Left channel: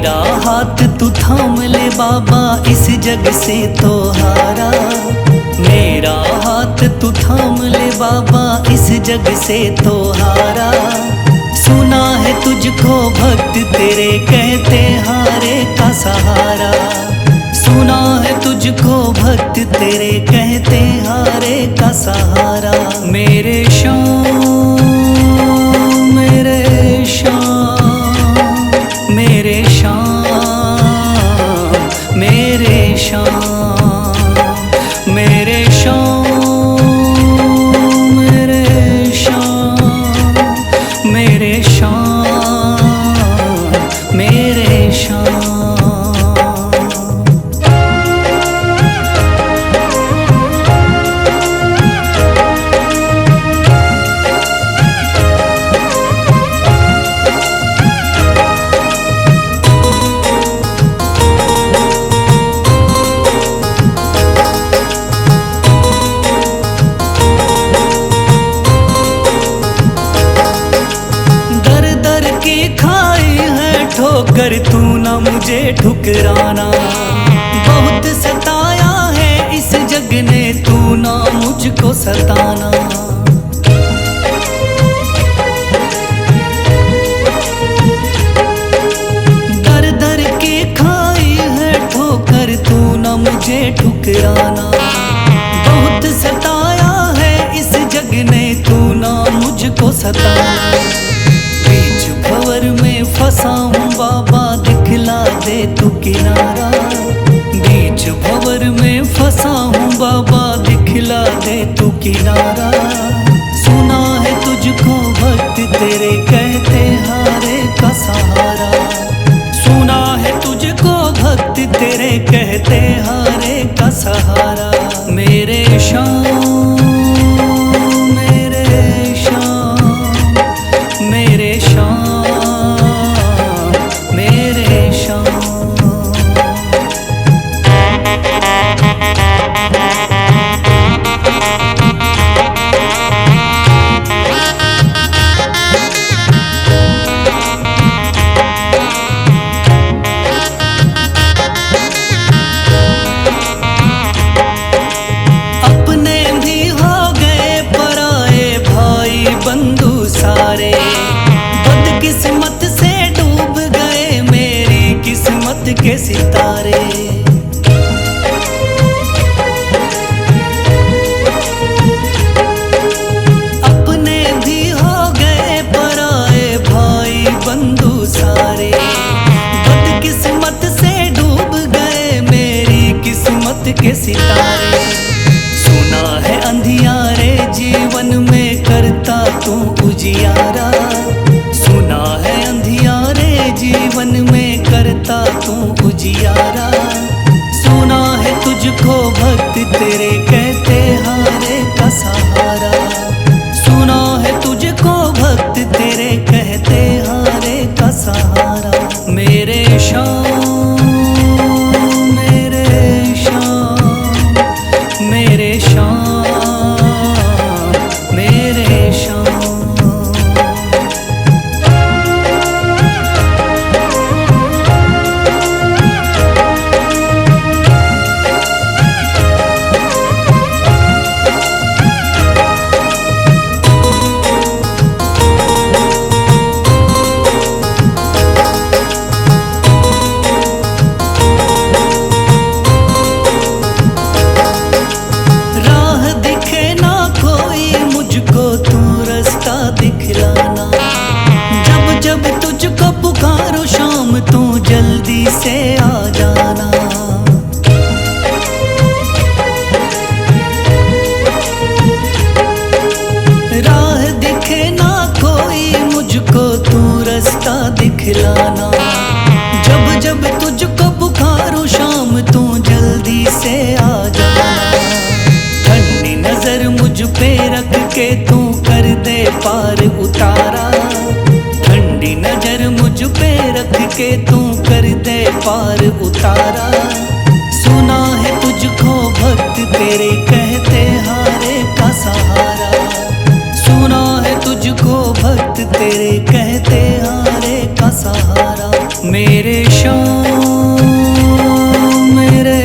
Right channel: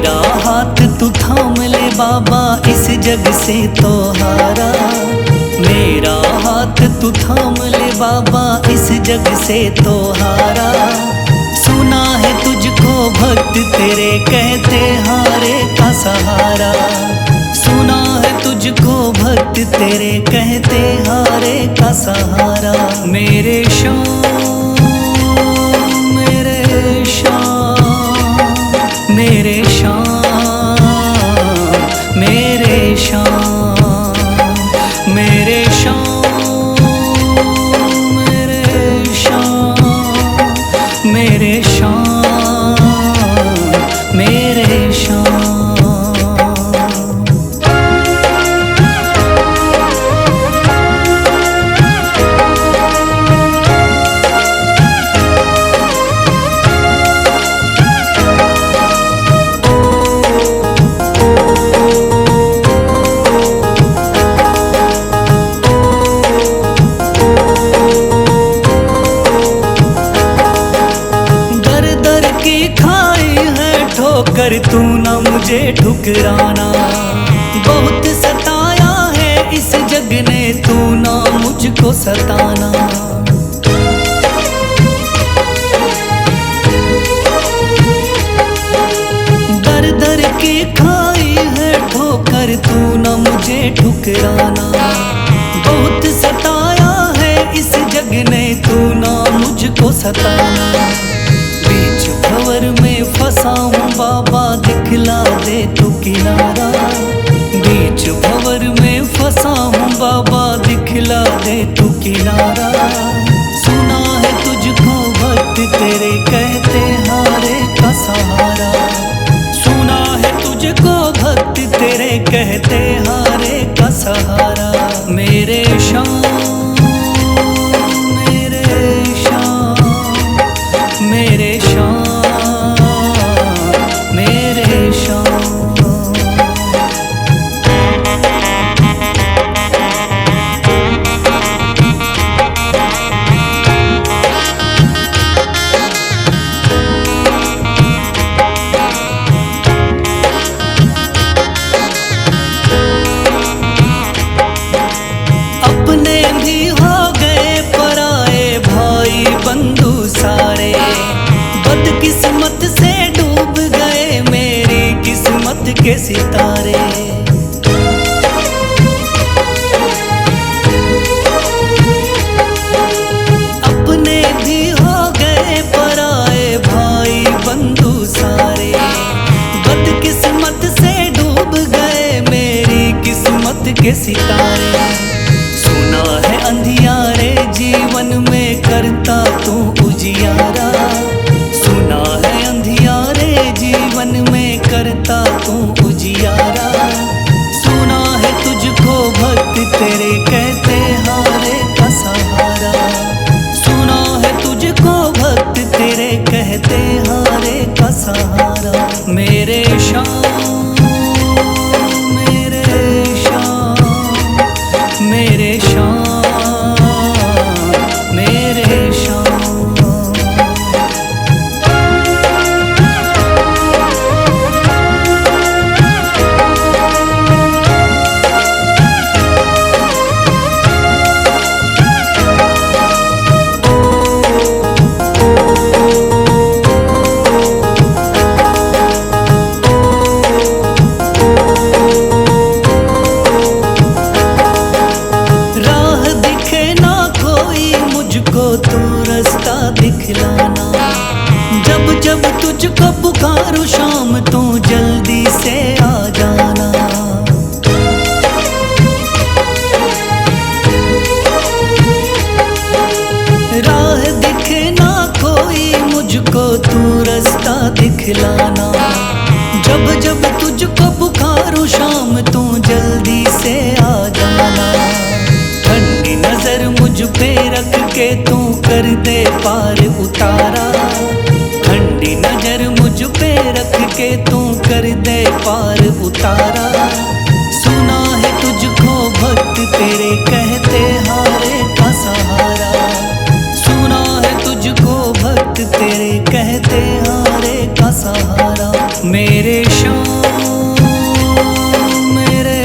मेरा हाथ तू थाम ले बाबा, इस जग से तो हारा। मेरा हाथ तू थाम ले बाबा, इस जग से तो हारा। सुना है तुझको भक्त तेरे कहते हारे का सहारा। सुना है तुझको भक्त तेरे कहते हारे का सहारा। मेरे श्याम मेरे श्याम मेरे श्याम मेरे श्याम मेरे श्याम मेरे श्याम मेरे श्याम मेरे श्याम। दर की खाई है ठोकर, तू ना मुझे ठुकराना। बहुत सताया है इस जग ने, तू ना मुझको सताना। दर दर की खाई है ठोकर, तू ना मुझे ठुकराना। बहुत सताया है इस जग ने, तू ना मुझको सताना। बीच भंवर में फंसा हूँ बाबा, दिखला दे तू किनारा। बीच भंवर में फंसा हूँ बाबा, दिखला दे तू किनारा। सुना है तुझको भक्त तेरे कहते हारे का सहारा। सुना है तुझको भक्त तेरे कहते हारे का सहारा। मेरे श्याम मेरे श्याम मेरे श्याम मेरे श्याम। अपने भी हो गए पराए भाई बंधु सारे। बदकिस्मत से डूब गए मेरी किस्मत के सितारे। अपने भी हो गए पराए भाई बंधु सारे। बदकिस्मत से डूब गए मेरी किस्मत के सितारे। सुना है अंधियारे जीवन में करता तू उजियारा। सुना है अंधियारे जीवन में करता तू उजियारा। सुना है तुझको भक्त तेरे कहते हारे का सहारा। सुना है तुझको भक्त तेरे कहते हारे का सहारा। मेरे श्याम मेरे श्याम मेरे श्याम मेरे श्याम। राह दिखे ना कोई मुझको, तू रास्ता दिखलाना। जब जब तुझको पुकारूं शाम, तू जल्दी से आ जाना। राह दिखे ना कोई मुझको, तू रास्ता दिखलाना। जब जब तुझको पुकारूं शाम, तू जल्दी से आ जाना। ठंडी नजर मुझ पे रख के तू कर दे पार उतारा। ठंडी नजर मुझ पे रख के तू कर दे पार उतारा। सुना है तुझको भक्त तेरे कहते हारे का सहारा। सुना है तुझको भक्त तेरे कहते हारे का सहारा। मेरे श्याम मेरे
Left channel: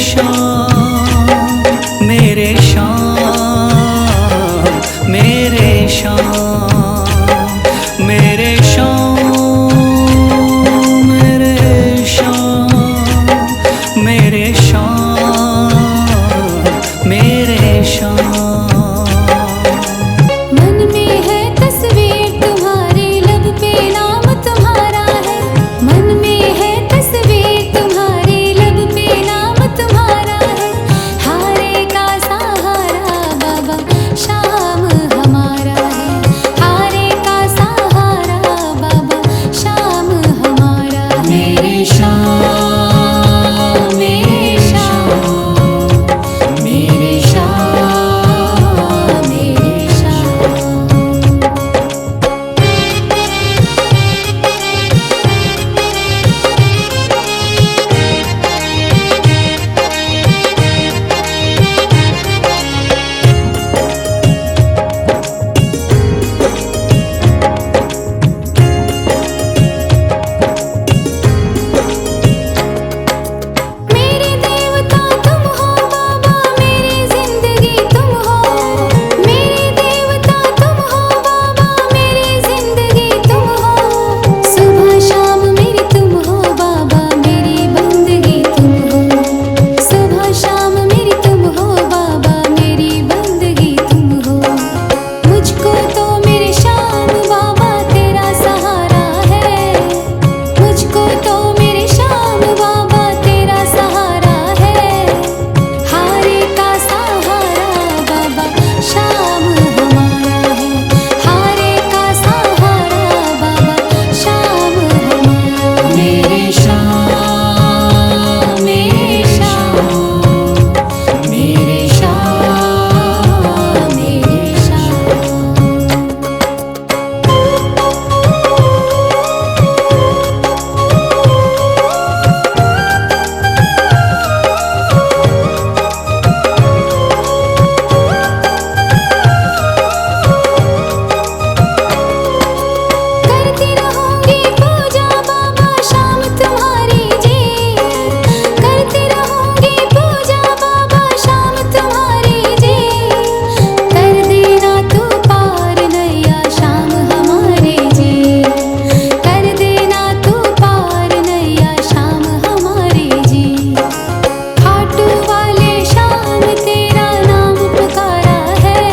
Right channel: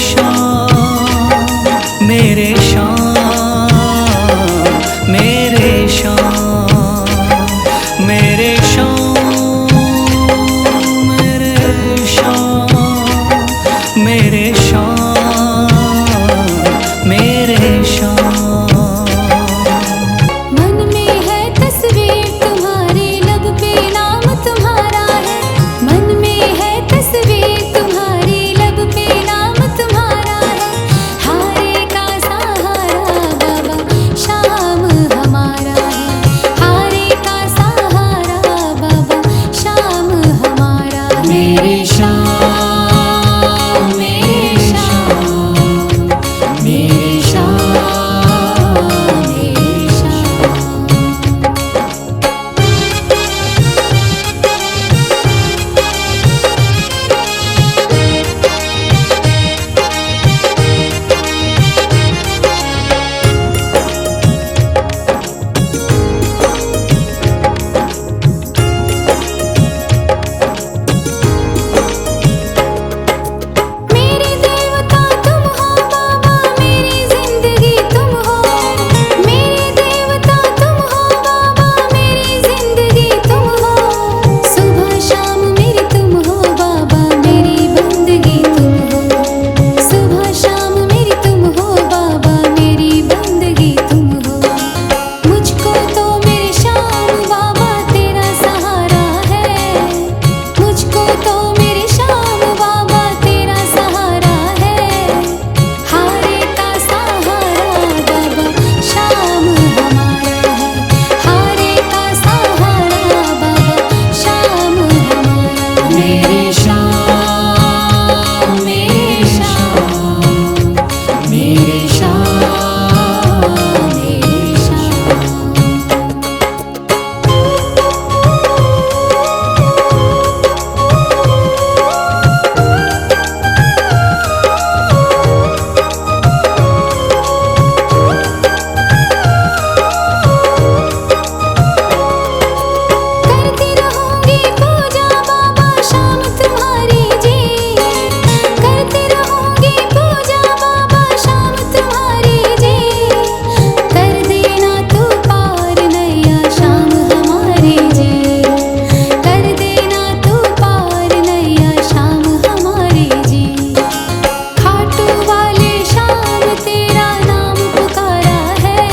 श्याम मेरे श्याम मेरे श्याम मेरे श्याम मेरे श्याम मेरे श्याम मेरे श्याम। मन में है तस्वीर तुम्हारी, लब पे नाम तुम्हारा है। मन में है तस्वीर तुम्हारी, लब पे नाम तुम्हारा है। हारे का सहारा बाबा शाम हमारा है। हारे का सहारा बाबा शाम हमारा है। मेरे श्याम मेरे श्याम मेरे श्याम मेरे श्याम। मेरे देवता तुम हो बाबा, मेरी जिंदगी तुम हो। मेरे देवता तुम हो बाबा, मेरी जिंदगी तुम हो। सुबह शाम मेरी तुम हो बाबा, मेरी बंदगी तुम हो। सुबह शाम मेरी तुम हो बाबा, मेरी बंदगी तुम हो। मुझको तो मेरे श्याम बाबा तेरा सहारा है। मुझको तो मेरे श्याम बाबा तेरा सहारा है। हारे का सहारा बाबा शाम हमारा है। हारे का सहारा बाबा शाम हमारा है। मेरे श्याम मेरे श्याम मेरे श्याम मेरे श्याम। करती रहूंगी पूजा बाबा शाम तुम्हारी जी। करती रहूंगी पूजा बाबा शाम तुम्हारी जी। कर देना तू पार नैया शाम हमारी जी। कर देना तू पार नैया शाम हमारी जी। खाटू वाले शाम तेरा नाम पुकारा है।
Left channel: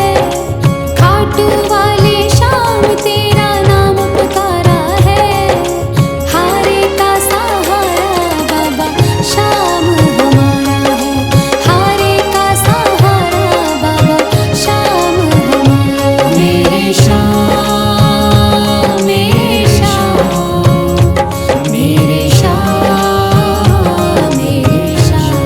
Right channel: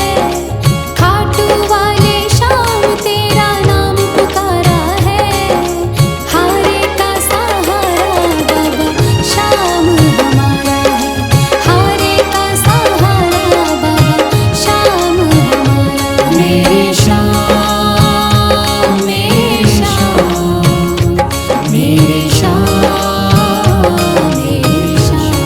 खाटू वाले शाम तेरा नाम पुकारा है। हारे का सहारा बाबा शाम हमारा है। हारे का सहारा बाबा शाम हमारा है। मेरे श्याम मेरे श्याम मेरे श्याम मेरे श्याम।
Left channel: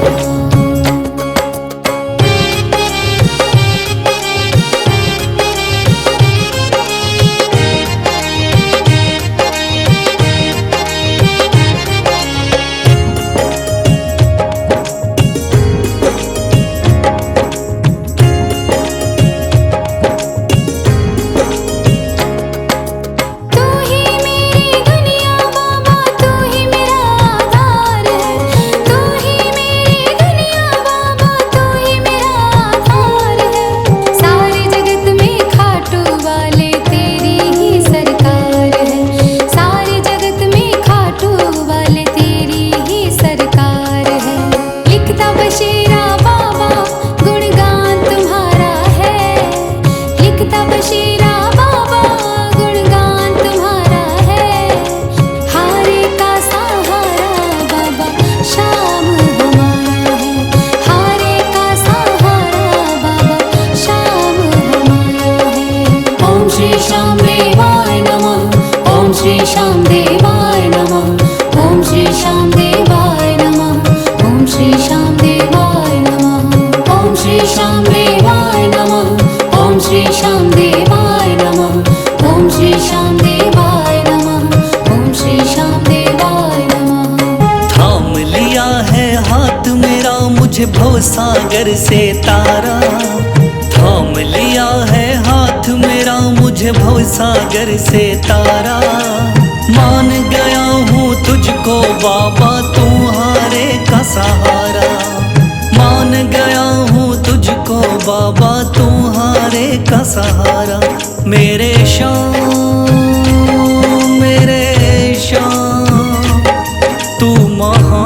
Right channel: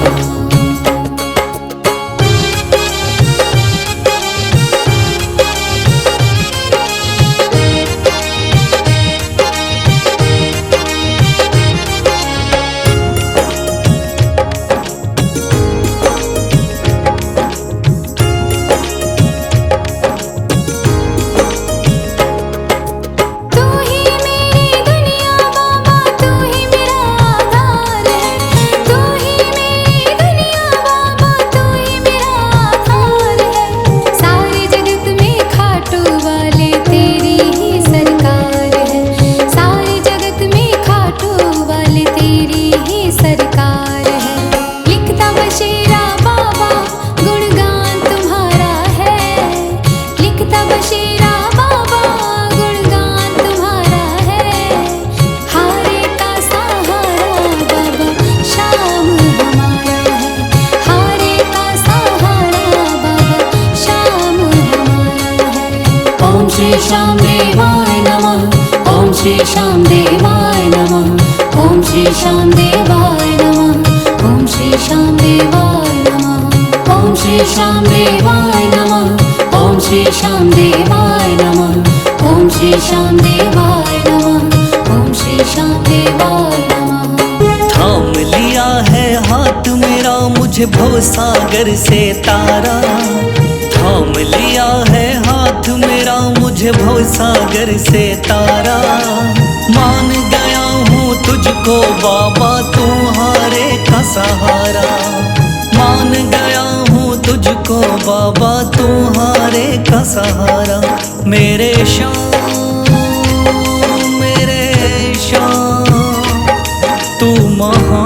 तू ही मेरी दुनिया बाबा, तू ही मेरा आधार है। तू ही मेरी दुनिया बाबा, तू ही मेरा आधार है। सारे जगत में खाटू वाले तेरी ही सरकार है। सारे जगत में खाटू वाले तेरी ही सरकार है। लिखता बशीरा बाबा गुणगान तुम्हारा है। लिखता बशीरा बाबा गुणगान तुम्हारा है। हारे का सहारा बाबा शाम हमारा है। हारे का सहारा बाबा शाम हमारा है। ओम श्री श्याम देवाय नमः। ओम श्री श्याम देवाय नमः। ओम श्री श्याम देवाय नमः। ओम श्री श्याम देवाय नमः। ओम श्री श्याम देवाय नमः। ओम श्री श्याम देवाय नमः। ओम श्री श्याम देवाय नमः। ओम श्री श्याम देवाय नमः। थाम लिया है हाथ मेरा मुझे भवसागर से तारा। थाम लिया है हाथ मेरा मुझे भवसागर से तारा। मान गया हूँ तुझको बाबा तुम्हारे का सहारा। मान गया हूँ तुझको बाबा तुम्हारे का सहारा। मेरे शाम तू महान,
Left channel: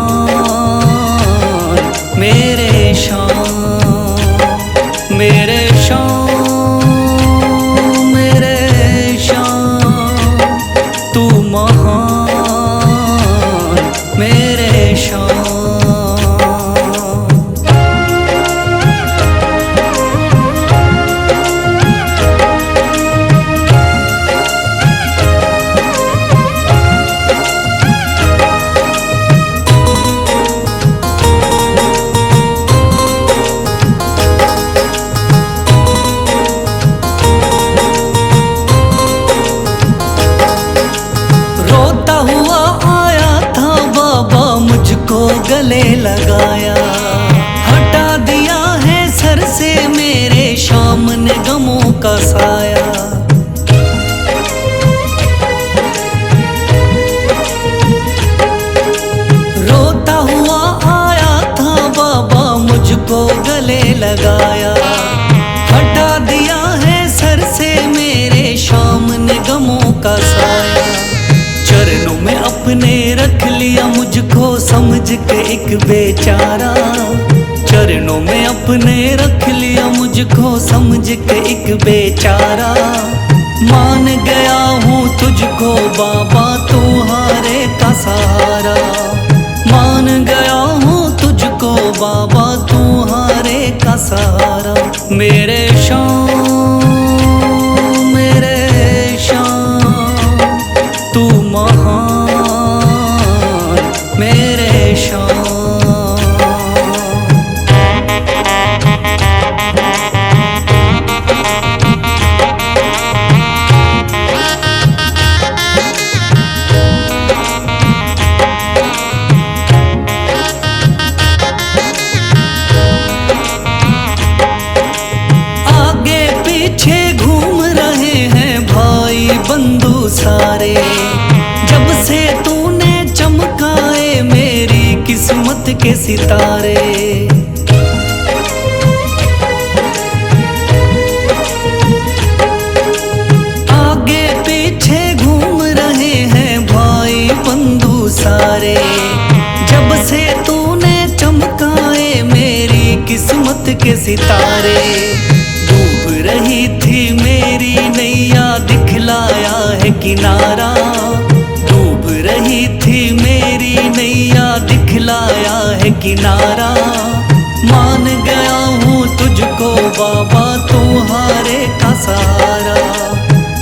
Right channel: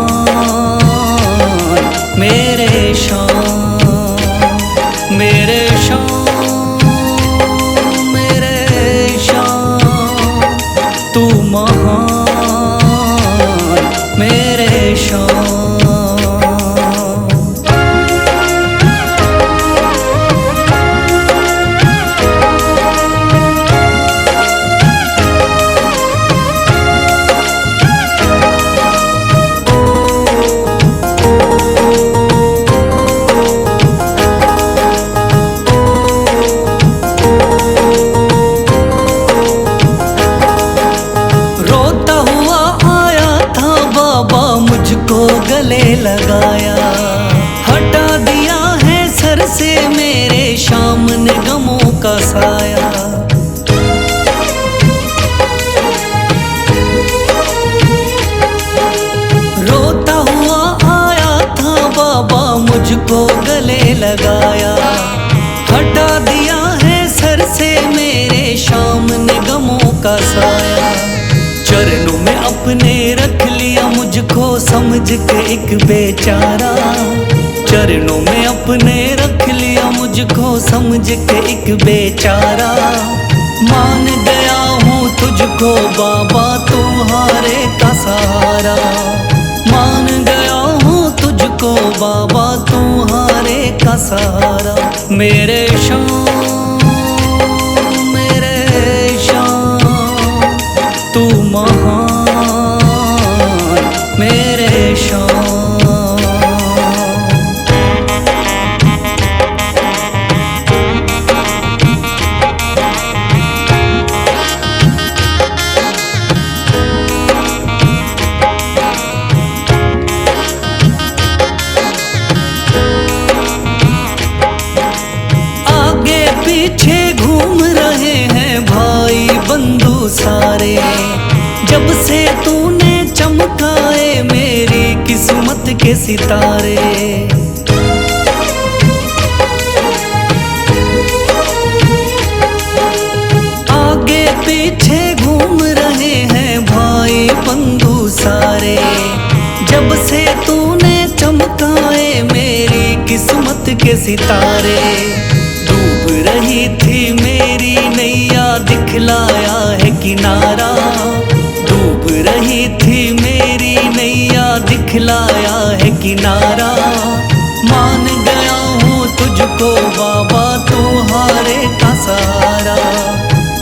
मेरे शाम मेरे शाम तू महान, मेरे शाम। रोता हुआ आया था बाबा मुझको गले लगाया। हटा दिया है सर से मेरे शाम ने गमों का साया। रोता हुआ आया था बाबा मुझको गले लगाया। हटा दिया है सर से मेरे शाम ने गमों का साया। चरणों में अपने रख लिया मुझको समझ के एक बेचारा। चरणों में अपने रख लिया मुझको समझ के एक बेचारा। मान गया हूँ तुझको बाबा तुम्हारे का सहारा। मान गया हूँ तुझको बाबा तुम्हारे का सहारा। मेरे शाम तू महान, मेरे शाम। आगे पीछे घूम रहे हैं भाई बंधु सारे। जब से तूने चमकाए मेरी किस्मत के सितारे। आगे पीछे घूम रहे हैं भाई बंधु सारे। जब से तूने चमकाए मेरी किस्मत के सितारे। डूब रही थी मेरी नैया दिखलाया है किनारा। डूब रही थी मेरी नैया दिखलाया है किनारा। मान गया हूँ तुझको बाबा तुम्हारे का सहारा।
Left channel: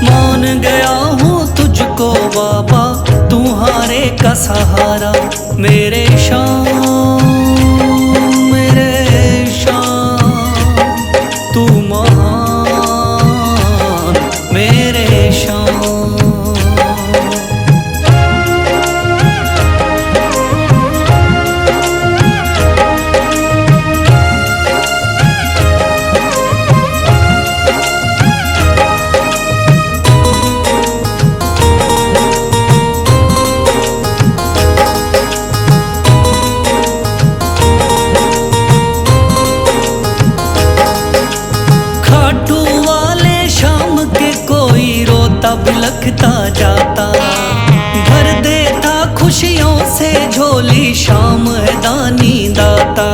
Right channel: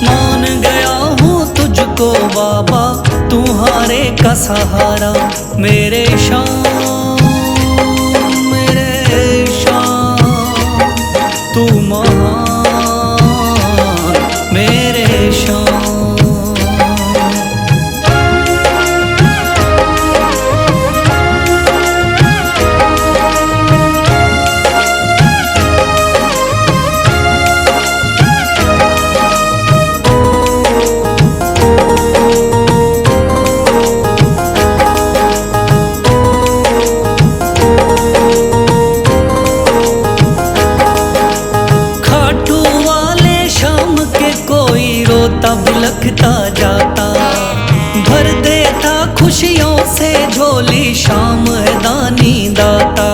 मान गया हूँ तुझको बाबा तुम्हारे का सहारा। मेरे शाम तू महान, मेरे शाम। खाटू वाले शाम के कोई रोता बिलखता जाता। भर देता खुशियों से झोली शाम है दानी दाता।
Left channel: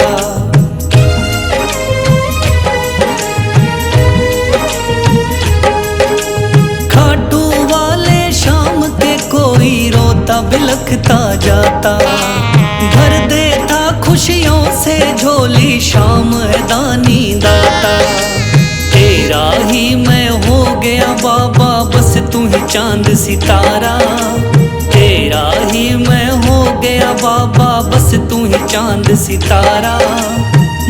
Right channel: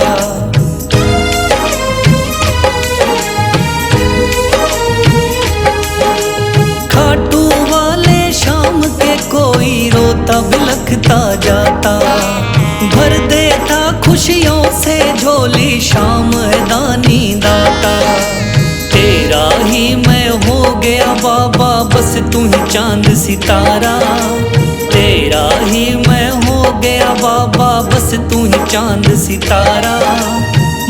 खाटू वाले शाम के कोई रोता बिलखता जाता। भर देता खुशियों से झोली शाम है दानी दाता। तेरा ही मैं हो गया बाबा बस तू ही चांद सितारा। तेरा ही मैं हो गया बाबा बस तू ही चांद सितारा।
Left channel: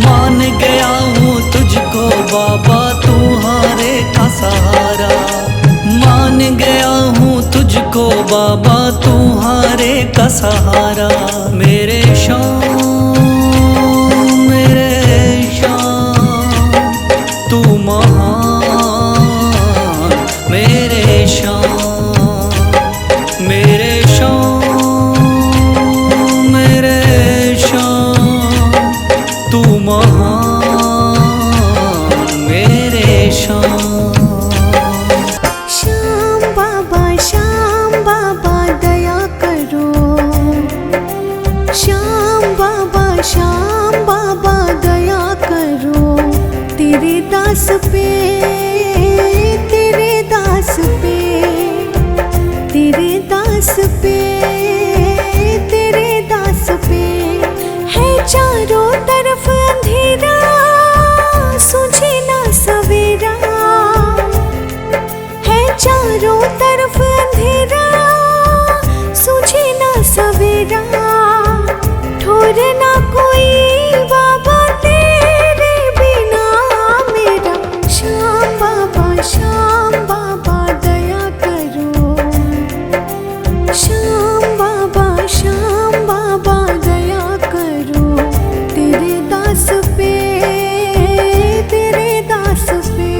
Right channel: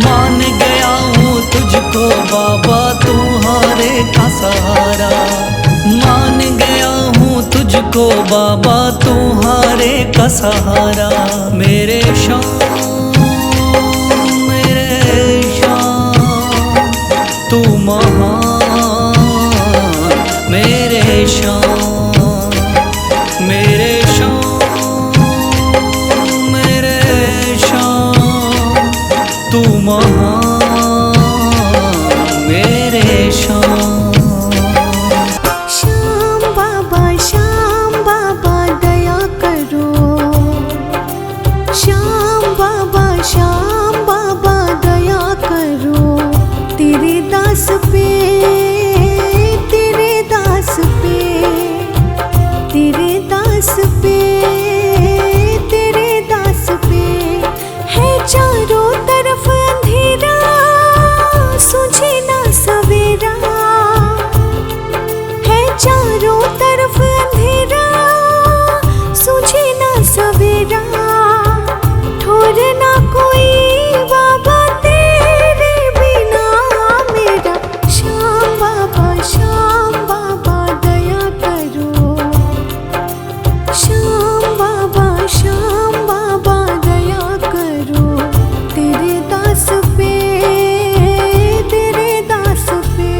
मान गया हूँ तुझको बाबा तुम्हारे का सहारा। मान गया हूँ तुझको बाबा तुम्हारे का सहारा। मेरे शाम तू महान मेरे शान, मेरे शान, मेरे शान, तू महान मेरे शान। श्याम बाबा दया करो। श्याम बाबा दया करो। तेरे दास पे, तेरे दास पे, तेरे दास पे, तेरे दास पे है चारों तरफ अंधेरा, सूझे ना सवेरा। है चारों तरफ अंधेरा, सूझे ना सवेरा। ठोर ना कोई बाबा तेरे बिना मेरा। श्याम बाबा दया करो। श्याम बाबा दया करो। तेरे दास पे, तेरे दास पे।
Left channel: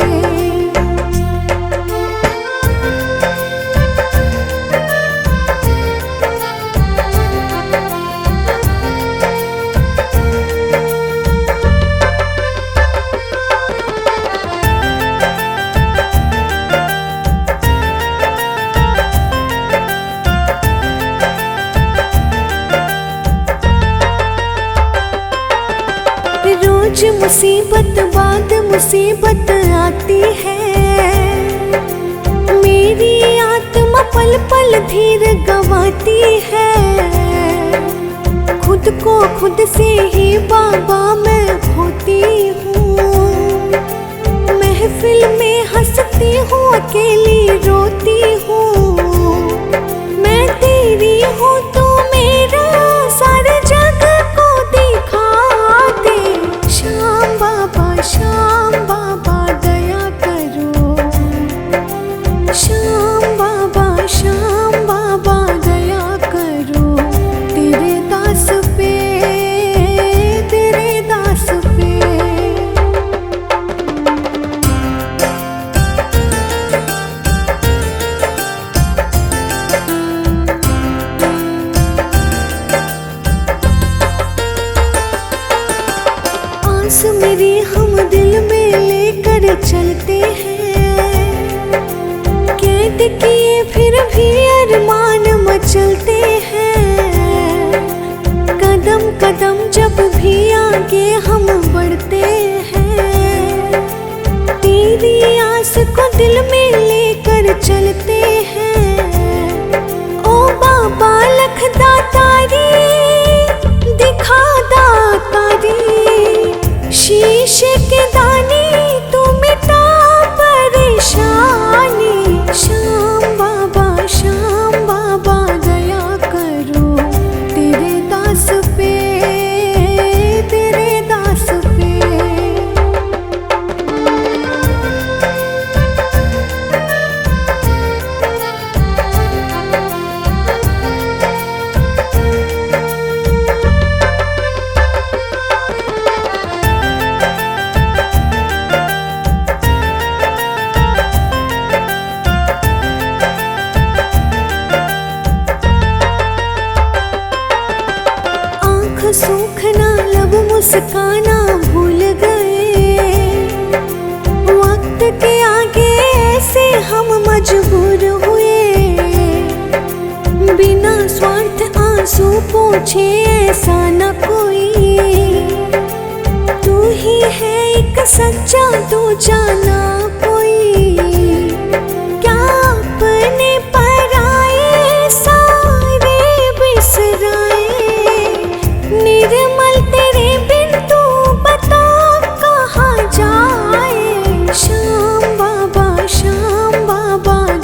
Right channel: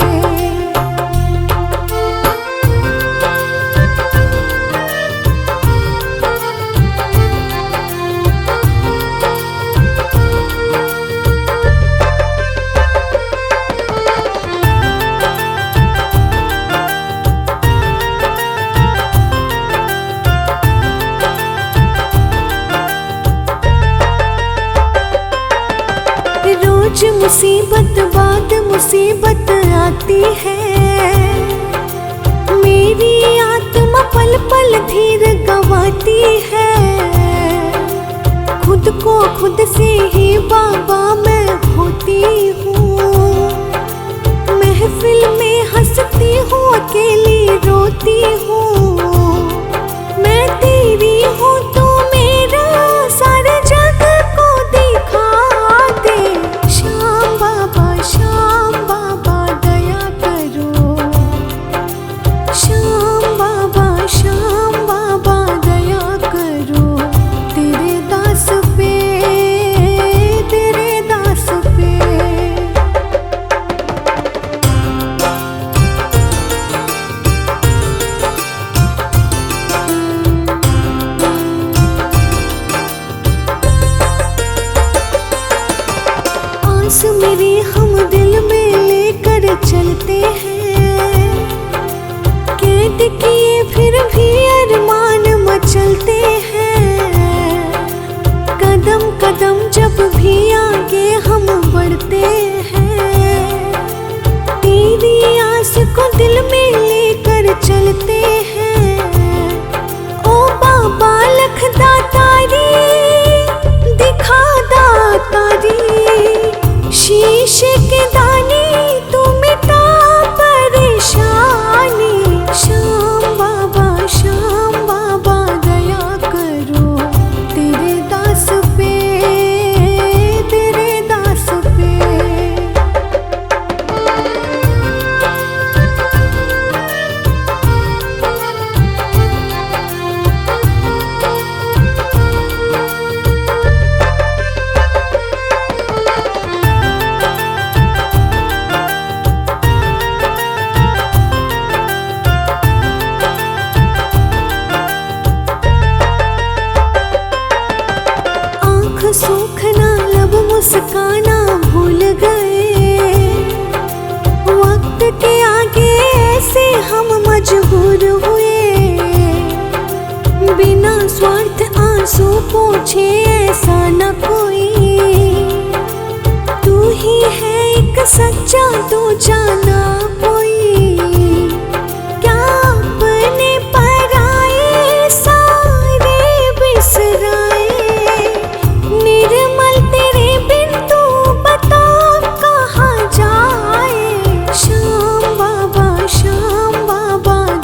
रोज मुसीबत बाद मुसीबत आती है। मेरी आत्मा पल पल धीर गंवाती है। खुद को खुद से ही बाबा मैं होती हूँ। महफिल में हंसती हूँ, अकेली रोती हूँ। मैं तेरी हूँ तो मेरा सारे जग को दिखा दे। श्याम बाबा दया करो। श्याम बाबा दया करो। तेरे दास पे, तेरे दास पे। आस मेरी हम दिल में लेकर चलते हैं। कैद किए फिर भी अरमान मचलते हैं। कदम कदम जब भी आगे हम बढ़ते हैं। तेरी आस को दिल में लेकर चलते हैं। ओ बाबा लख दातारी, दिखा दातारी। शीशे के दाने तू मिटा परेशानी। श्याम बाबा दया करो। तेरे दास पे, तेरे दास पे। सूखना लब मुस्काना भूल गए। वक्त के आगे ऐसे हम मजबूर हुए। बिना स्वार्थ आंसू पोछे ऐसा न कोई। तू ही है एक सच्चा, तू जाना कोई। क्या अपने पराए सारे बिसराए। निर्मल तेरे बिन तू बता कहाँ जाए। श्याम बाबा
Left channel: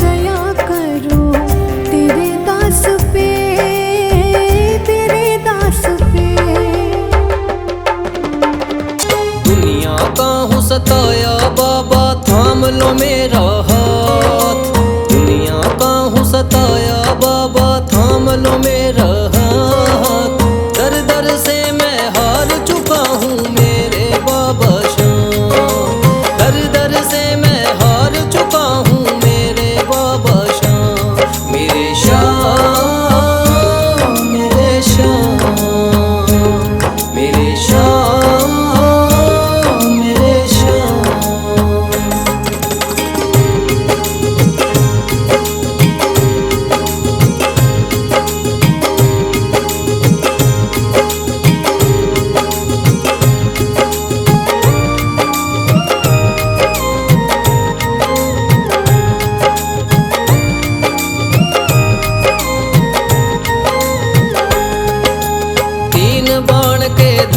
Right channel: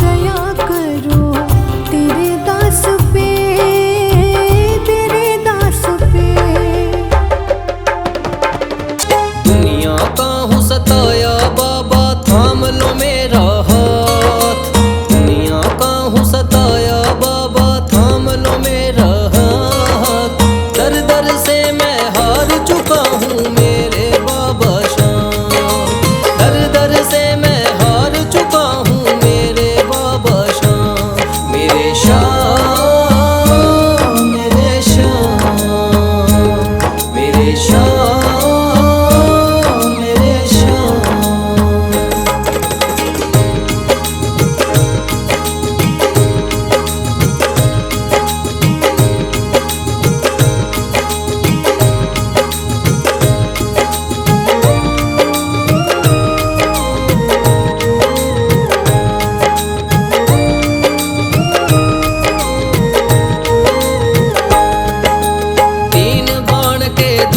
दया करो। तेरे दास पे, तेरे दास पे। दुनिया का हूँ सताया बाबा, थाम लो मेरा हाथ। दुनिया का हूँ सताया बाबा, थाम लो मेरा हाथ। दर दर से मैं हार चुका हूँ मेरे बाबा श्याम। दर दर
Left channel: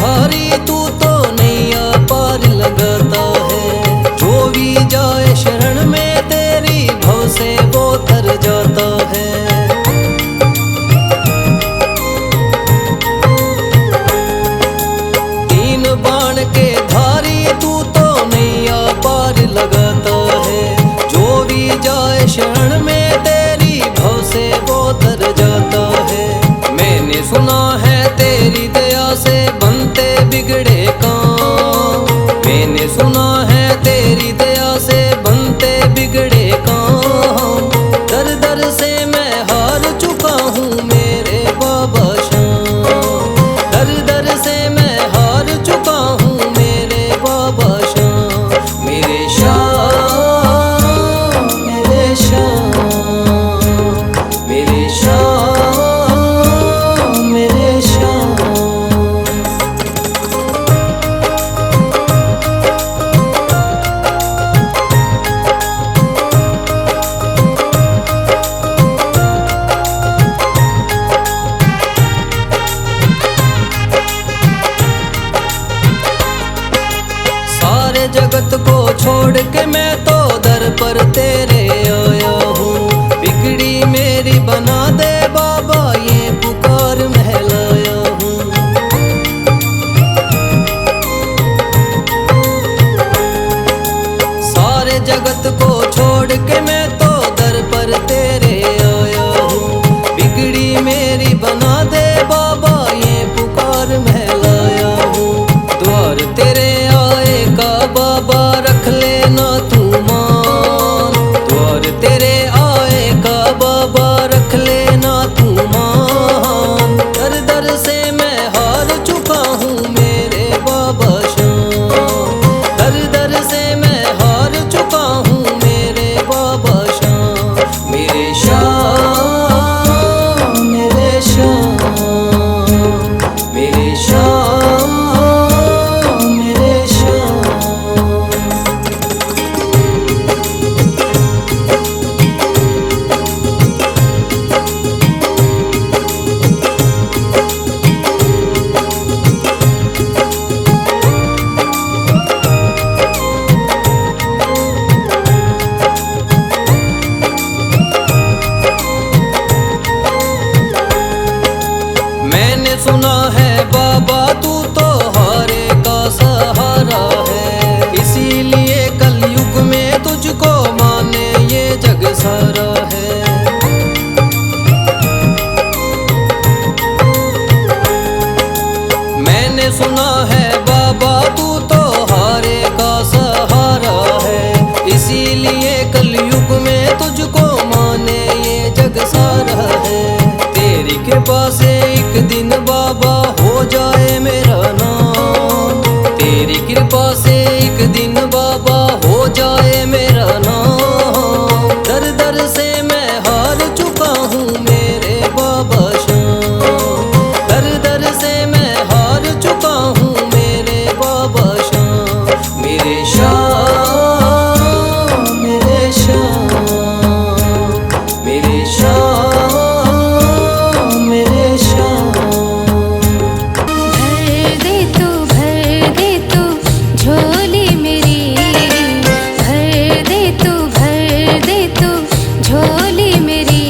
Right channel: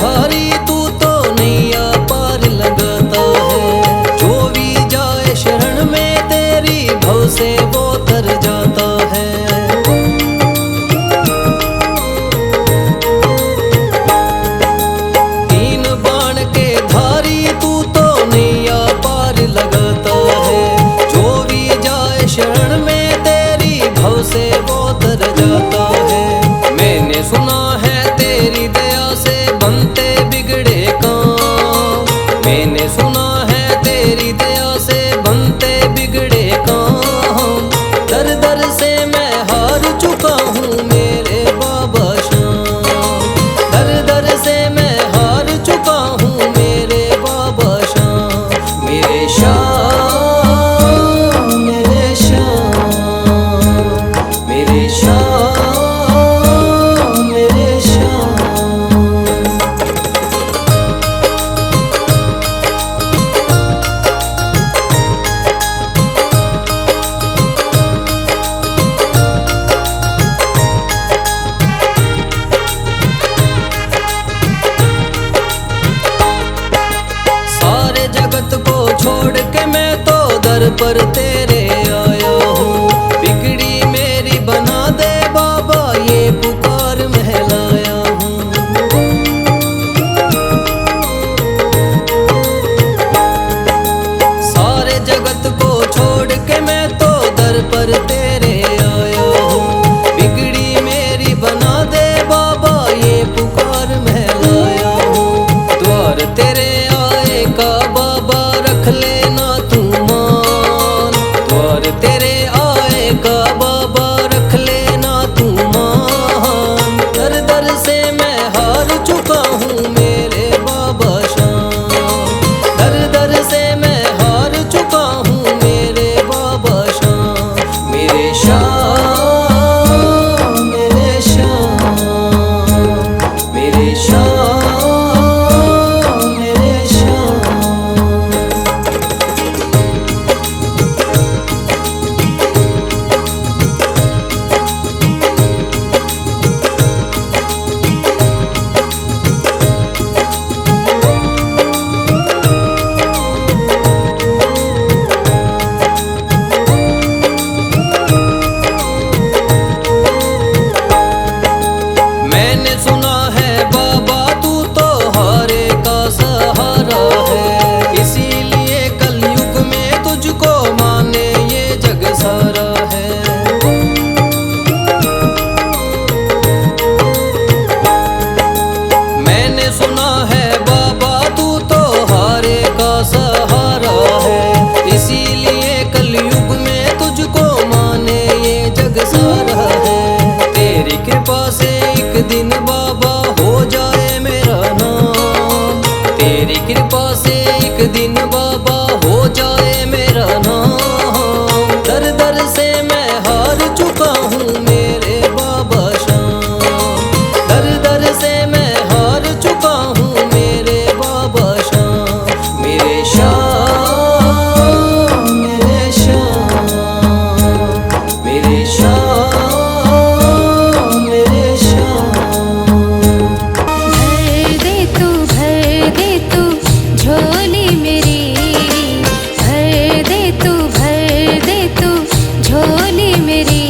धारी तू तो नैया पार लगाता है। जो भी जाए शरण में तेरी भव से वो तर जाता है। तीन बाण के धारी तू तो नैया पार लगाता है। जो भी जाए शरण में तेरी भव से वो तर जाता है। मैंने सुना है तेरी दया से बनते बिगड़े काम। मैंने सुना है तेरी दया से बनते बिगड़े काम। दर दर से मैं हार चुका हूँ मेरे बाबा श्याम। दर दर से मैं हार चुका हूँ मेरे बाबा श्याम। मेरे श्याम, मेरे श्याम, मेरे श्याम, मेरे श्याम। सारे जगत को छोड़ के मैं तो दर पर तेरे आया हूँ। बिगड़ी मेरी बना दे बाबा ये पुकार महलाया हूँ। सारे जगत को छोड़ के मैं तो दर पर तेरे आया हूँ। बिगड़ी मेरी बना दे बाबा ये पुकार महलाया हूँ। द्वार तेरे आए का बाबा रख लेना तू मान। द्वार तेरे आए का बाबा रख लेना तू मान। दर दर से मैं हार चुका हूँ मेरे बाबा श्याम। दर दर से मैं हार चुका हूँ मेरे बाबा श्याम। मेरे श्याम, मेरे श्याम, मेरे श्याम, मेरे श्याम। मैंने सुना है बाबा तू तो हारे का सहारा है। इसीलिए कलयुग में तुझको माने ये जग सारा है। मैंने सुना है बाबा तू तो हारे का सहारा है। इसीलिए कलयुग में तुझको माने ये जग सारा है। तेरी कृपा से एक दिन बाबा हो जाए मेरा नाम। तेरी कृपा से एक दिन बाबा हो जाए मेरा नाम। दर दर से मैं हार चुका हूँ मेरे बाबा श्याम। दर दर से मैं हार चुका हूँ मेरे बाबा श्याम। मेरे श्याम, मेरे श्याम, मेरे श्याम, मेरे श्याम। भर दे तू झोली मेरी। भर दे तू झोली मेरी।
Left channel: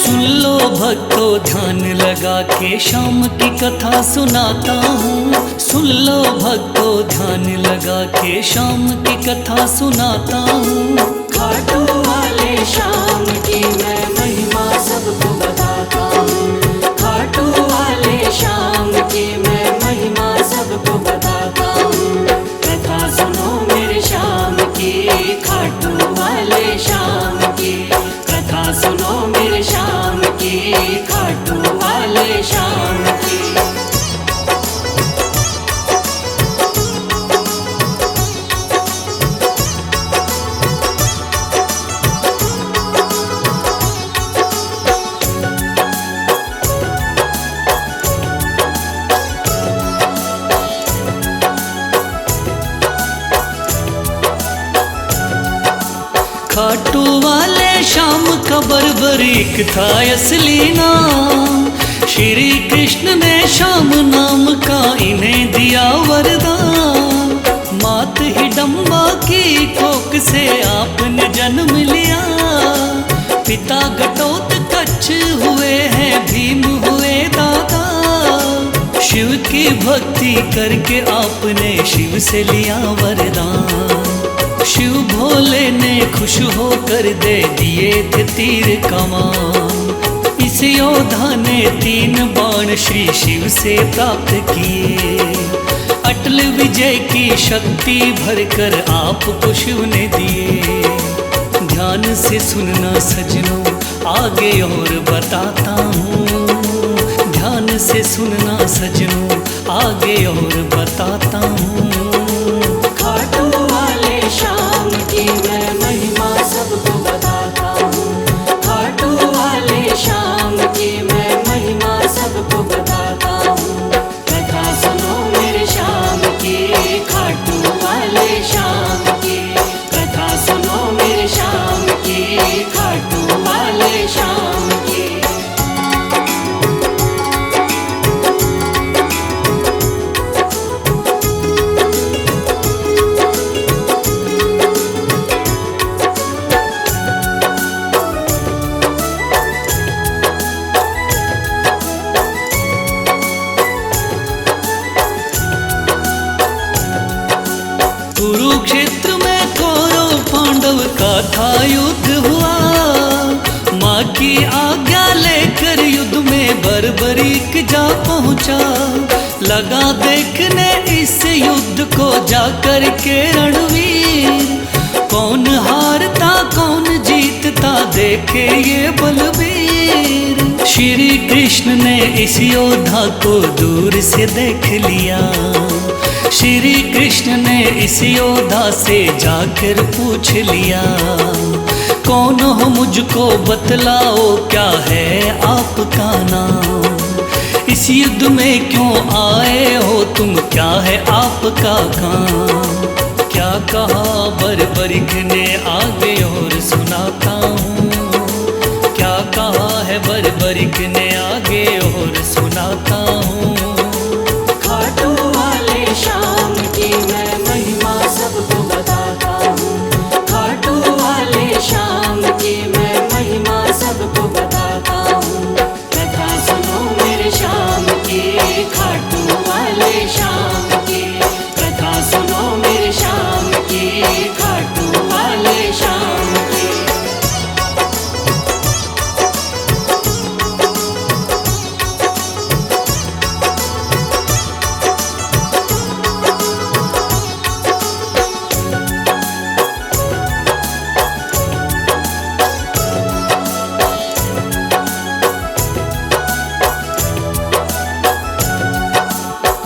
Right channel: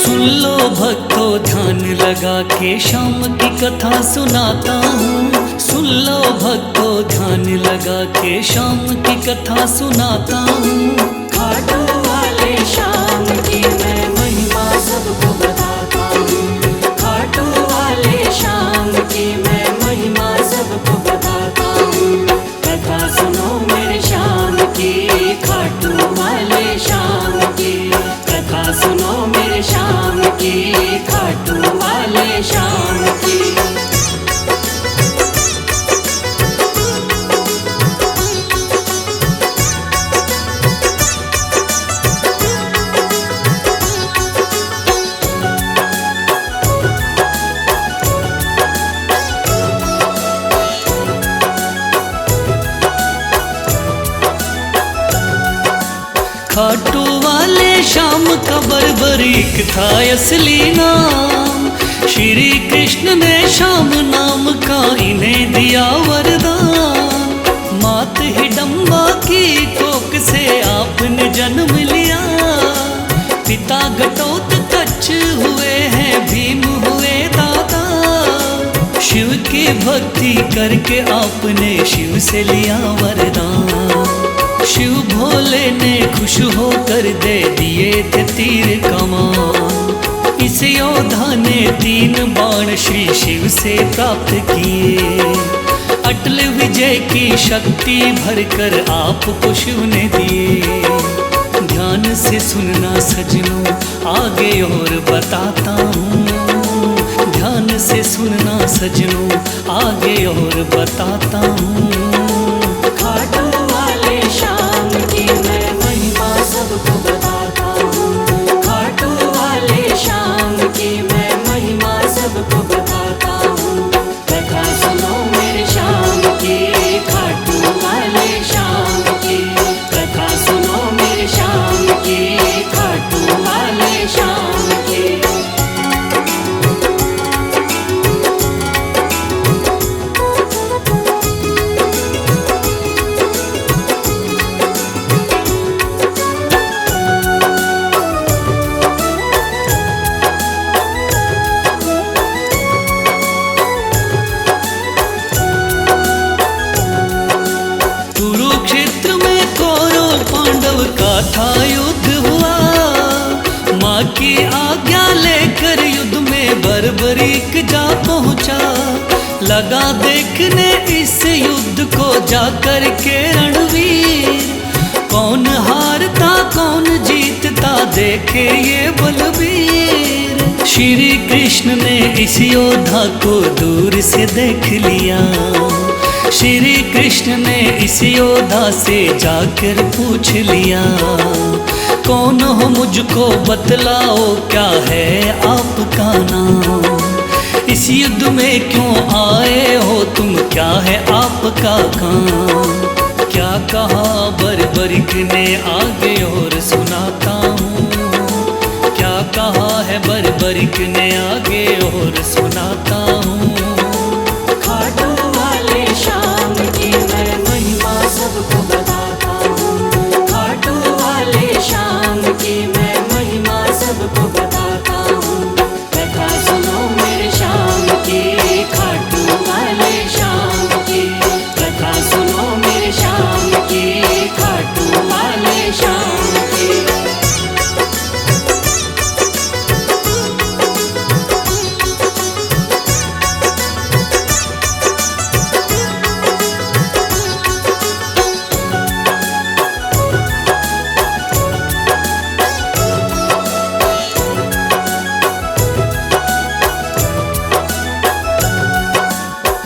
सुन लो भक्तों ध्यान लगा के शाम की कथा सुनाता हूँ। सुन लो भक्तों ध्यान लगा के शाम की कथा सुनाता हूँ। खाटू वाले शाम की मैं महिमा सबको बताता हूँ। खाटू वाले शाम की मैं महिमा सबको बताता हूँ। कथा सुनो मेरे शाम की, खाटू वाले शाम की। कथा सुनो मेरे शाम की, खाटू वाले शाम की। खाटू वाले शाम का बर्बरीक था असली नाम। श्री कृष्ण ने शाम नाम का इन्हें दिया वरदान। मात हिडम्बा की कोख से आपने जन्म लिया। पिता घटोत्कच हुए हैं, भीम हुए दादा। शिव की भक्ति करके आपने शिव से लिया वरदान। शिव भोले ने खुश होकर दे दिए थे तीर कमान। इस योद्धा ने 3 बाण श्री शिव से प्राप्त किए। अटल विजय की शक्ति भरकर आपको शिव ने दिए। ध्यान से सुनना सजनों आगे और बताता हूँ। ध्यान से सुनना सजनों आगे और बताता हूँ। खाटू वाले शाम की मैं महिमा सबको बताता हूँ। खाटू वाले शाम की मैं महिमा सबको बताता हूँ। कथा सुनो मेरे शाम की, खाटू वाले शाम की। कथा सुनो मेरे शाम की, खाटू वाले शाम की। कुरुक्षेत्र में कौरव पांडव का था युद्ध हुआ। माँ की आज्ञा लेकर युद्ध में बर्बरीक जा पहुँचा। लगा देखने इस युद्ध को जाकर के रणवीर। कौन हारता कौन जीतता देखे ये बलबीर। श्री कृष्ण ने इस योद्धा को दूर से देख लिया। श्री कृष्ण ने इस योद्धा से जाकर पूछ लिया। कौन हो मुझको बतलाओ, क्या है आपका नाम। इस युद्ध में क्यों आए हो तुम, क्या है आपका काम। क्या कहा बर्बरीक ने आगे और सुनाता हूँ। क्या कहा है बर्बरीक ने आगे और सुनाता हूँ। खाटू वाले शाम की मैं महिमा सबको बताता हूँ। खाटू वाले शाम की मैं महिमा सबको बताता हूँ। कथा सुनो मेरे शाम की, खाटू वाले शाम की। कथा सुनो मेरे शाम की, खाटू वाले शाम की।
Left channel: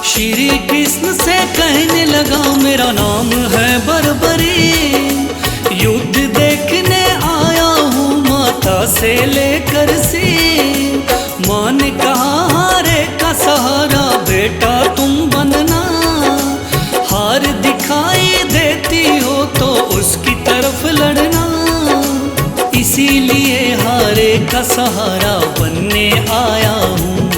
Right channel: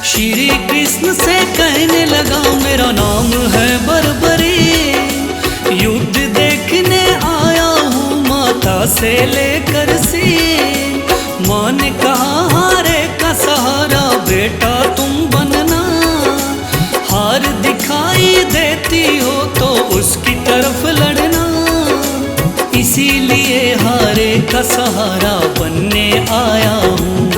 श्री कृष्ण से कहने लगा मेरा नाम है बर्बरी। युद्ध देखने आया हूँ माता से लेकर सी। माँ ने कहा हारे का सहारा बेटा तुम बनना। हार दिखाई देती हो तो उसकी तरफ लड़ना। इसीलिए हारे का सहारा बनने आया हूँ।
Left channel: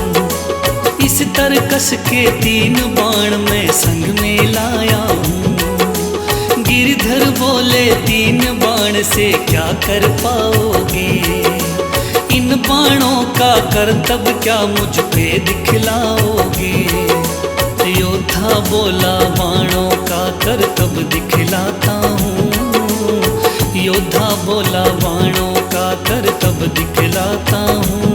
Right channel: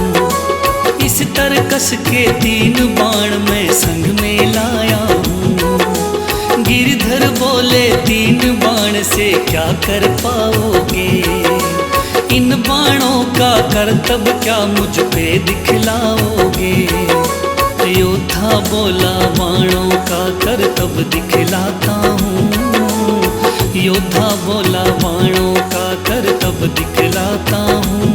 इस तरकस के 3 बाण मैं संग में लाया हूँ। गिरधर बोले 3 बाण से क्या कर पाओगे। इन बाणों का करतब क्या मुझ पे दिखलाओगे? योद्धा बोला बाणों का करतब दिखलाता हूँ। योद्धा बोला बाणों का करतब दिखलाता हूँ।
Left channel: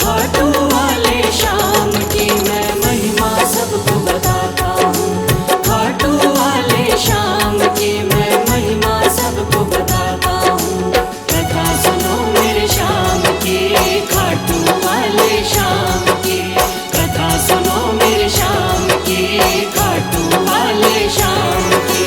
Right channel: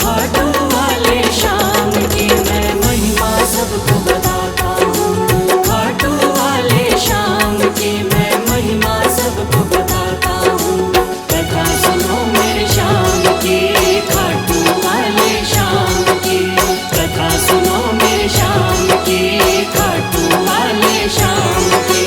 खाटू वाले श्याम की मैं महिमा सबको बताता हूँ। खाटू वाले श्याम की मैं महिमा सबको बताता हूँ। कथा सुनो मेरे श्याम की, खाटू वाले श्याम की। कथा सुनो मेरे श्याम की, खाटू वाले श्याम की।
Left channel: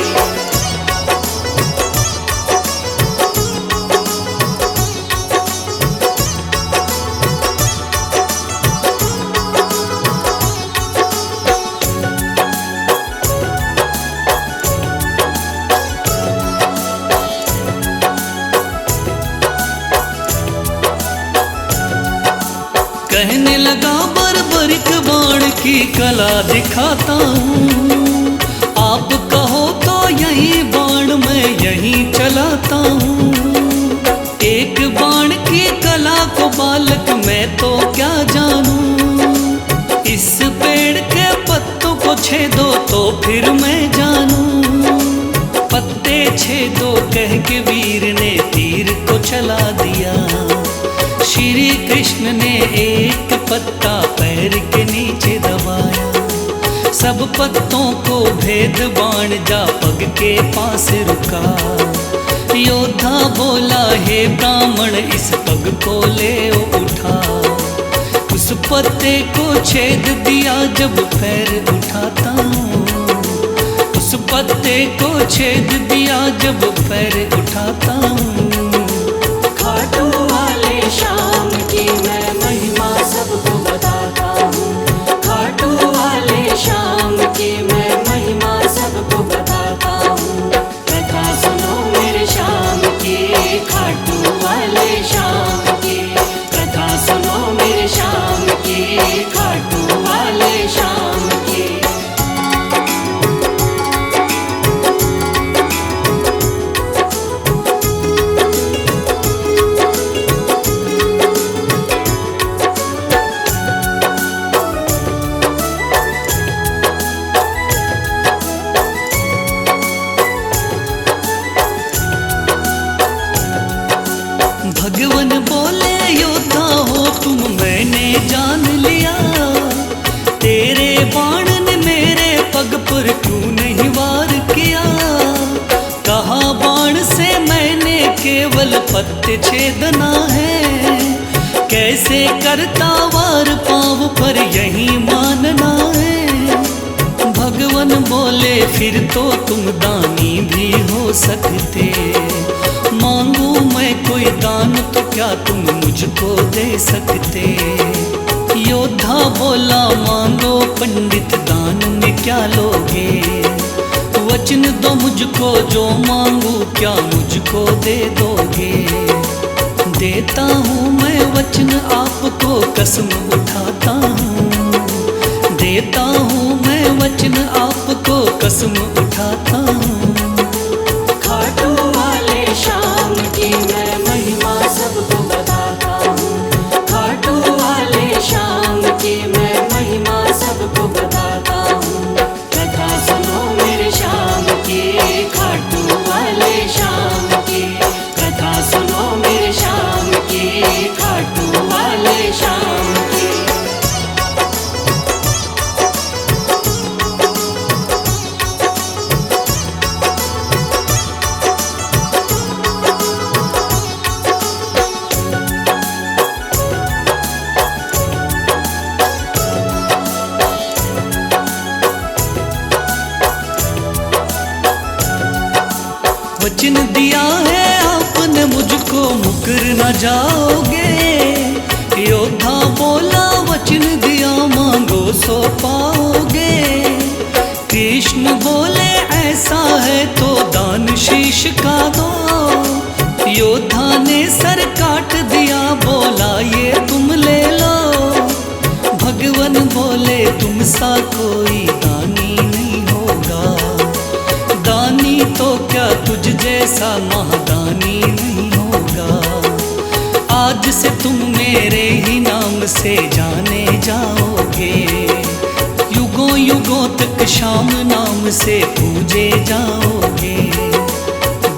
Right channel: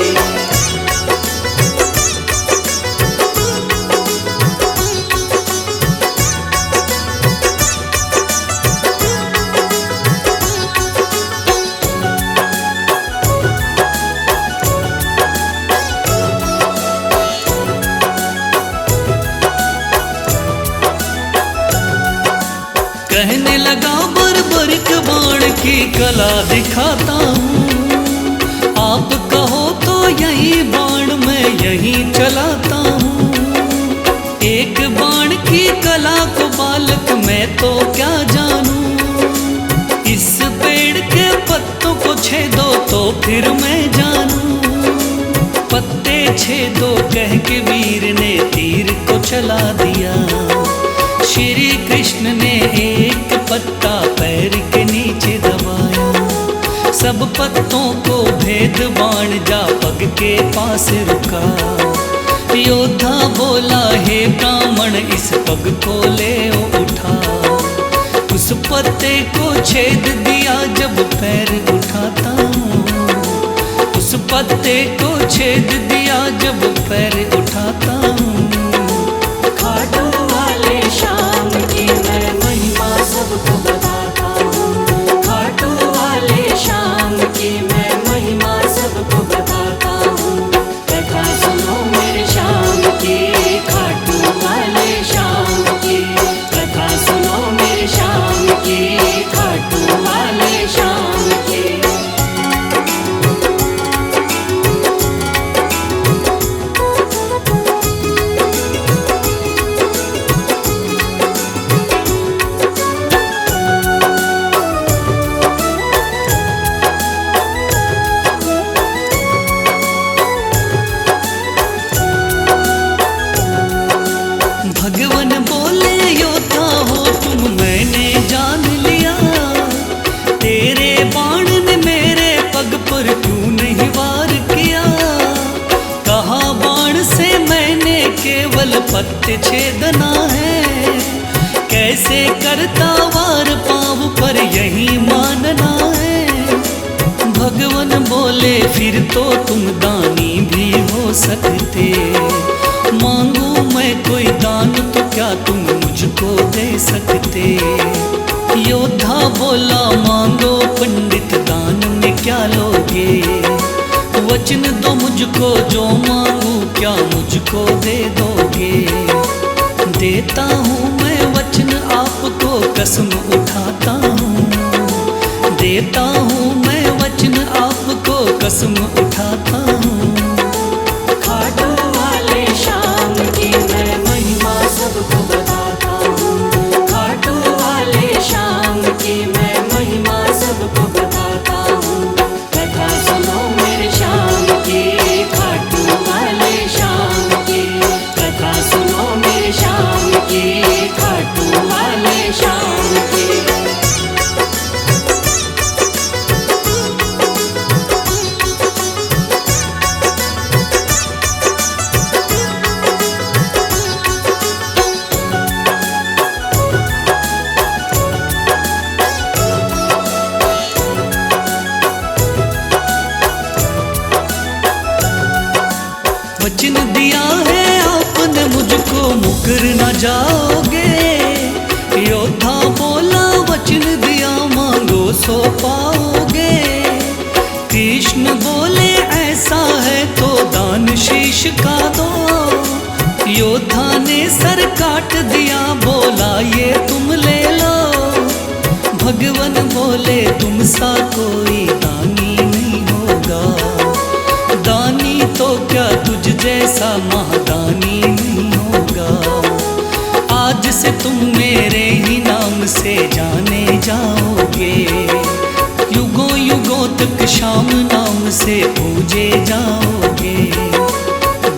कहने लगा बर्बरिक बाण की कला दिखाता हूँ। आप कहो तो यही बाण मैं यहीं चलाता हूँ। एक बाण की कला को बालक मैं तो क्या जानूं। इस पेड़ के पत्तों को छेदो तो फिर मैं जानूं। पत्ते छेदो कह के वीर ने तीर को चला दिया। श्री कृष्ण ने एक पत्ता पैर के नीचे दबाया। सब पत्तों को भेद बाण जा पग के पास रुका। योद्धा बोला हे ब्राह्मण इस पग को ले उठा। उस पत्ते को छेद दिया जब पैर उठाता हूँ। उस पत्ते को छेद दिया जब पैर उठाता हूँ। खाटू वाले श्याम की मैं महिमा सबको बताता हूँ। खाटू वाले श्याम की मैं महिमा सबको बताता हूँ। कथा सुनो मेरे श्याम की, खाटू वाले श्याम की। कथा सुनो मेरे श्याम की, खाटू वाले श्याम की। भगवान बोले योद्धा हो तुम मैंने जान लिया। तेरे बाण ने मेरे पग पर क्यों नहीं वार किया। कहा बाण से मैंने केवल पत्ते छेदना है। कैसे करता वार पाँव पर यही मानना है। भगवान बोले फिर तो तुम दानी भी हो सकते। मांगू मैं कोई दान तो क्या तुम मुझको दे सकते। योद्धा बोला मांगो पंडित दान में क्या लोगे। वचन दो मुझको जो मांगू क्या मुझको दे दोगे। देता हूँ मैं वचन आपको कसम उठाता हूँ। देता हूँ मैं वचन आपको कसम उठाता हूँ। खाटू वाले श्याम की मैं महिमा सबको बताता हूँ। खाटू वाले श्याम की मैं महिमा सबको बताता हूँ। कथा सुनो मेरे श्याम की, खाटू वाले श्याम की। कथा सुनो मेरे श्याम की, खाटू वाले श्याम की। वचन दिया है आपने मुझको मुकर न जाओगे। योद्धा बोला वचन दिया मांगो सो पाओगे। कृष्ण बोले ऐसा है तो दान शीश का दो। योद्धा ने सर काट दिया बोला ये तुम ले लो। भगवान बोले तुम सा कोई दानी नहीं होगा। दानी तो क्या तुझ जैसा महादानी नहीं होगा। आज से तुम मेरे ही नाम से जाने जाओगे, युगों युगों तक श्याम नाम से पूजे जाओगे।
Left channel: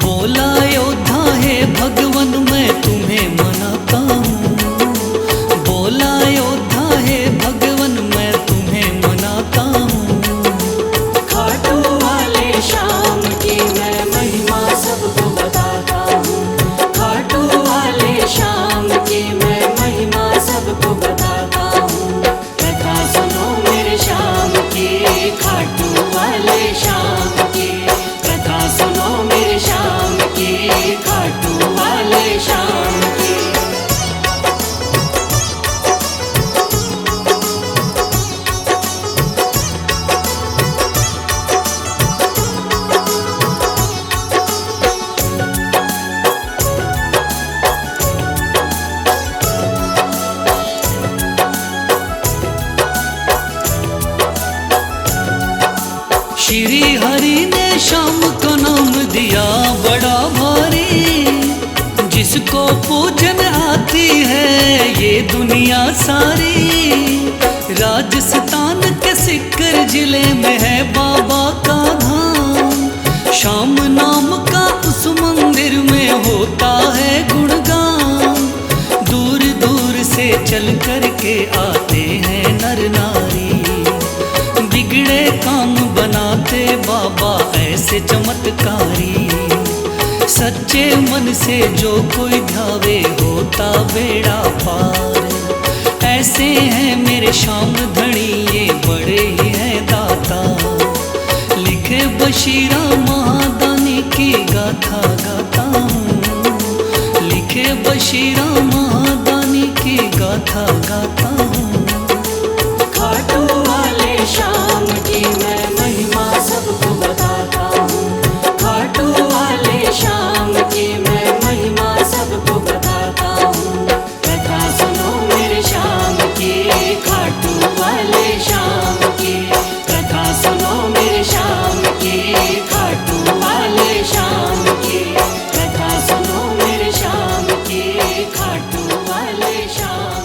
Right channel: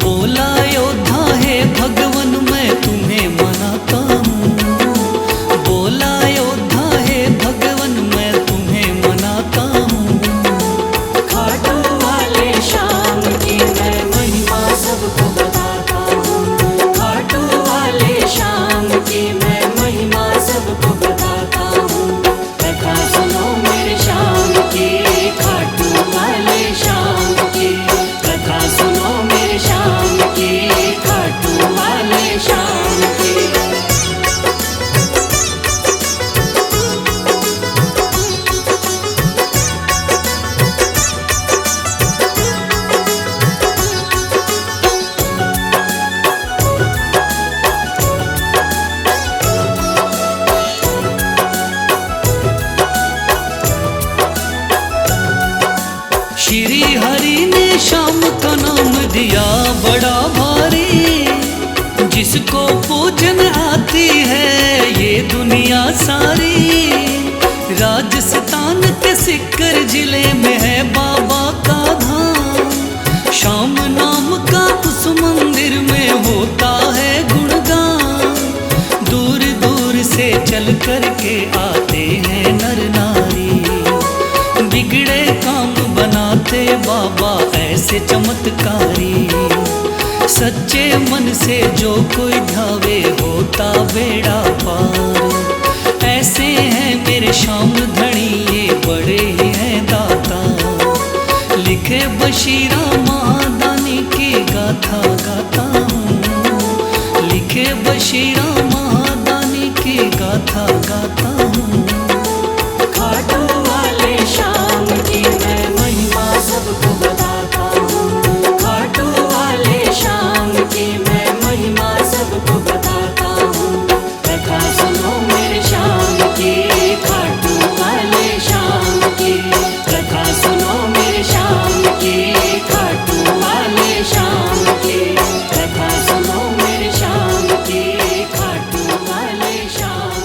बोला योद्धा है भगवन मैं तुम्हें मनाता हूँ, बोला योद्धा है भगवन मैं तुम्हें मनाता हूँ। खाटू वाले श्याम की मैं महिमा सबको बताता हूँ, खाटू वाले श्याम की मैं महिमा सबको बताता हूँ। कथा सुनो मेरे श्याम की, खाटू वाले श्याम की, कथा सुनो मेरे श्याम की, खाटू वाले श्याम की। श्री हरि ने श्याम का नाम दिया बड़ा भारी, जिसको पूजन आती है ये दुनिया सारी। राजस्थान के सिक्कर जिले में है बाबा का धाम, श्याम नाम का उस मंदिर में होता है गुणगान। दूर दूर से चल कर के आते हैं नर नारी, बिगड़े काम बनाते बाबा ऐसे चमत्कारी। सच्चे मन से जो कोई ध्यावे होता बेड़ा पार। ऐसे हैं मेरे श्याम धनी ये बड़े ही हैं दाता, लिखे बशीरा महादानी की गाथा गाता हूँ, लिखे बशीरा महादानी की गाथा गाता हूँ। खाटू वाले श्याम की मैं महिमा सबको बताता हूँ, खाटू वाले श्याम की मैं महिमा सबको बताता हूँ। कथा सुनो मेरे श्याम की, खाटू वाले श्याम की, कथा सुनो मेरे श्याम की, खाटू वाले श्याम की, कथा सुनो मेरे श्याम की, खाटू वाले श्याम।